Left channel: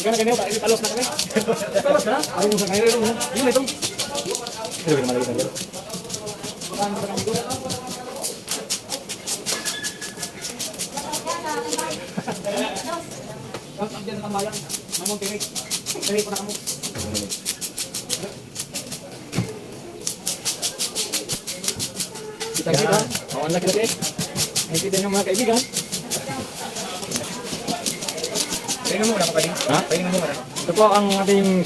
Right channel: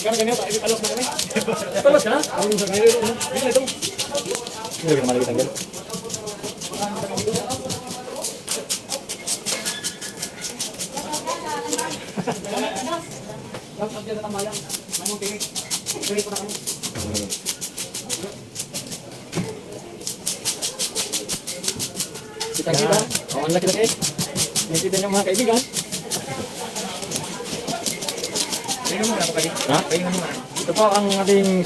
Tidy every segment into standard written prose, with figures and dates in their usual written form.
Gana ganyan tayo palos na kami. Palos na? Ay mo sa ganyan ito. Hindi na ito. Hindi na malagay sanggal. Ang abdiyan na tambayang. Mamong pingit. Pingit pa na kamo. Kita-kita. Awan lang kita-kita. Nakikita niyo mga kaibigan. Kainin mo na kapatid. Ha? Kainin mo na. Ito po ang ating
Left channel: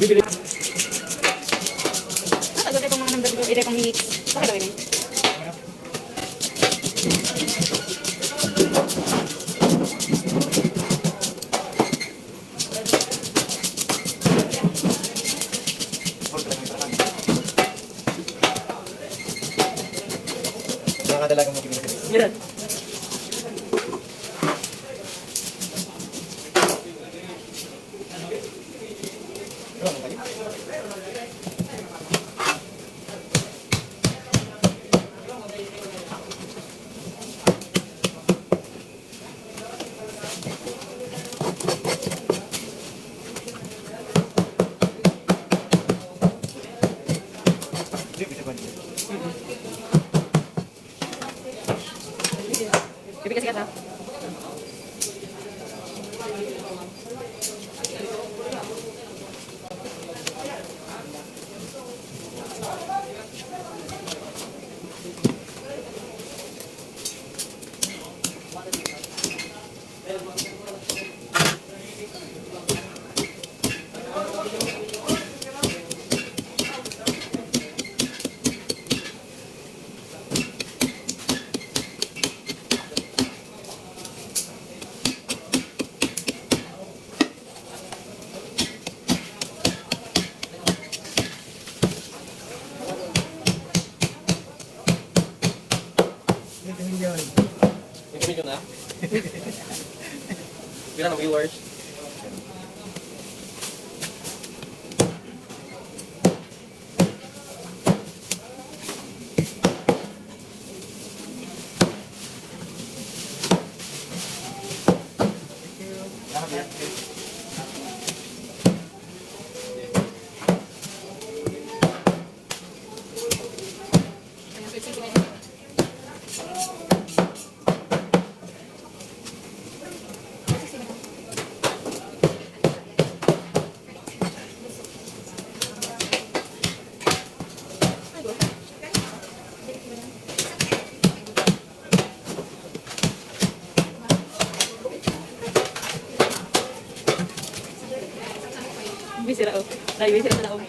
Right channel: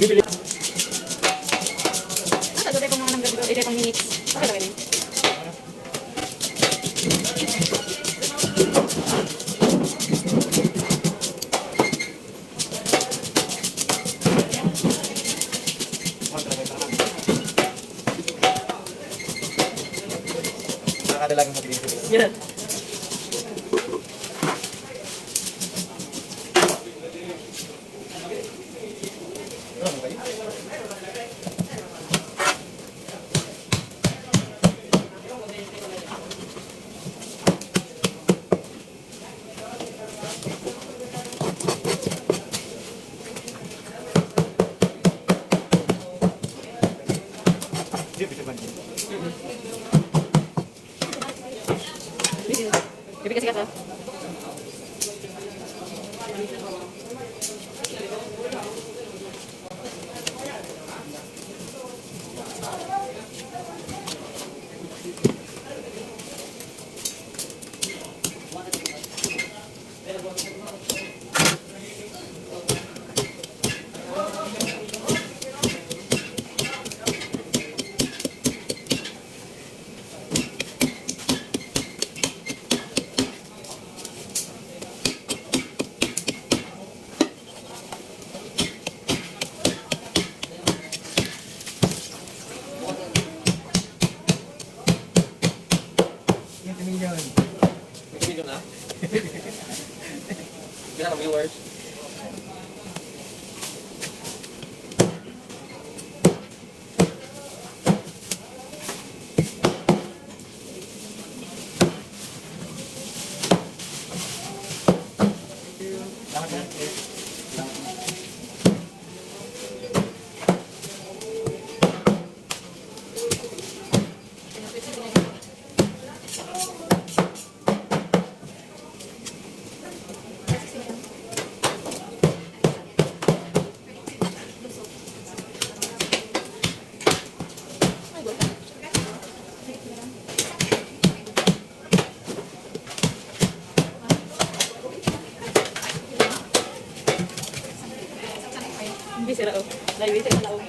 bibili. Tagot itong mga nang gabi itong minutes. Bakit gawin? Nakadalagang mo pinili. Yan. Bibigyan sikat mo. Kaibigan na. Bilang ang viewers. Bisira oh. Layo bisira lao.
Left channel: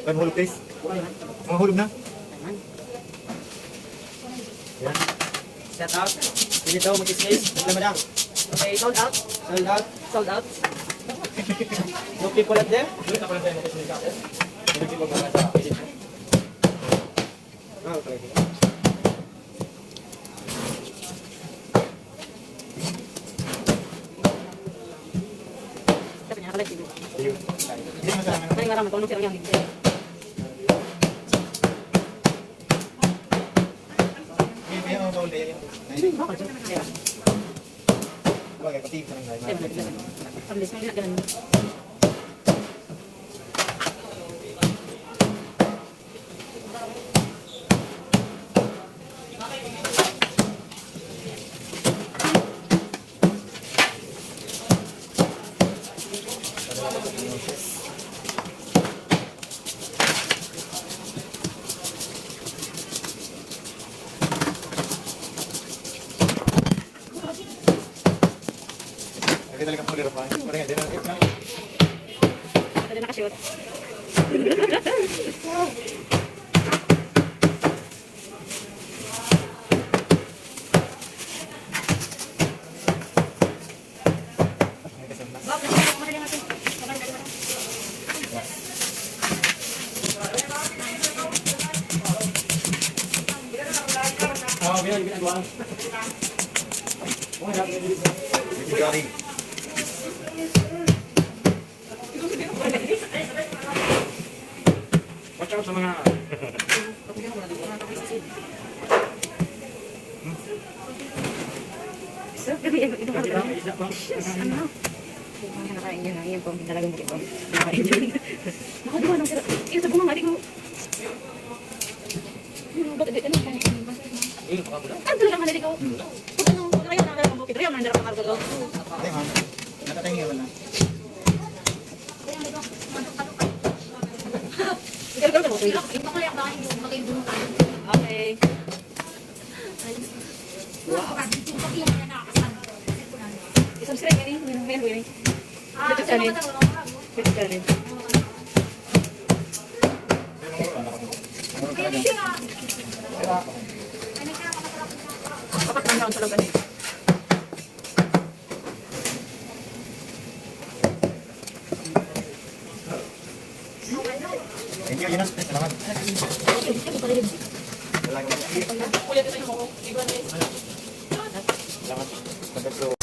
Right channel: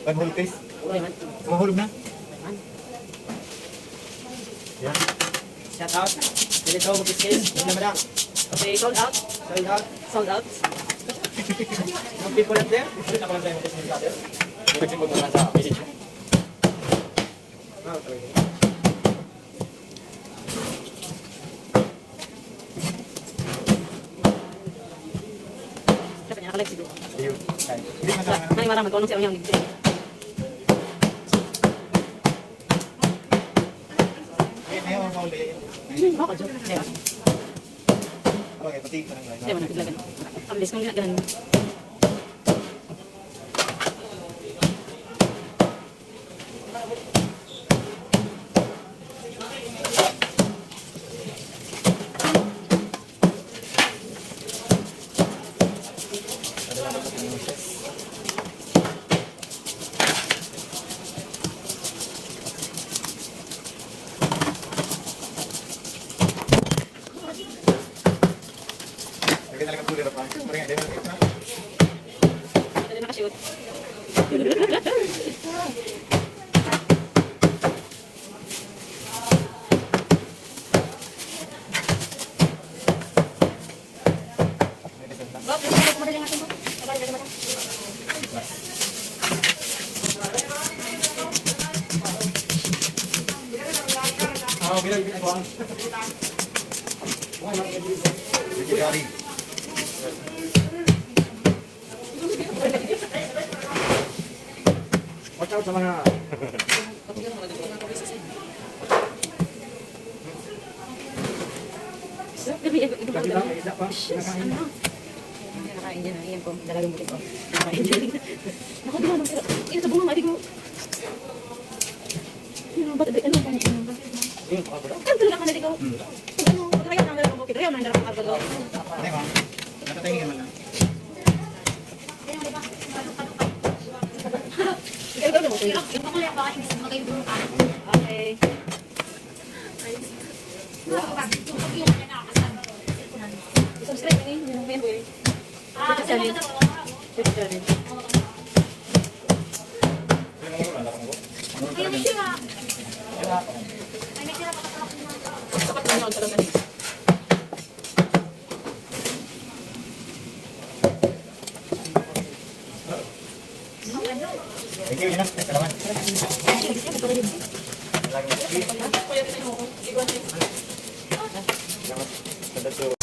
Kan hulog guys. Mahulog na. Yan. Shout out. Dito mag-skills. Wala madam. Okay, sold out. Sold out. Sold out. More people out there. Ulit ako lang tayo mag-testing. Ibig siya mag-mga sa visit. Okay. Dapat nakalive siguro. Ayun. May marami kung anong siya yung mahuli yun. Bakal siya na kaya. Okay, pati ka ng lahat. Di ba naglagan? Ang des kong ginagalan. Lagi talaga po nila pa. Parang hindi na kita. Hindi na nakashoot. Bilang ginagawa. Gari. Watch out sa mga... Gabi, ito ba ito? Ano? Nakakain din na. Yan po, talagang ito. Nakakain din. Nakadiwa ng sila. Ito po mga adik mo. Bakit ano ba? Kan talaga ang adik ko. Ano? Kaya ang adik ko. Kaya ang adik ko. Hindi, ma'am. Nakatay naman na. Ikaw mo. Okay. Subscribe ka rin. YouTube channel. YouTube channel. Sapat na ang talaga. Thank you, Ina. Salamat. Salamat.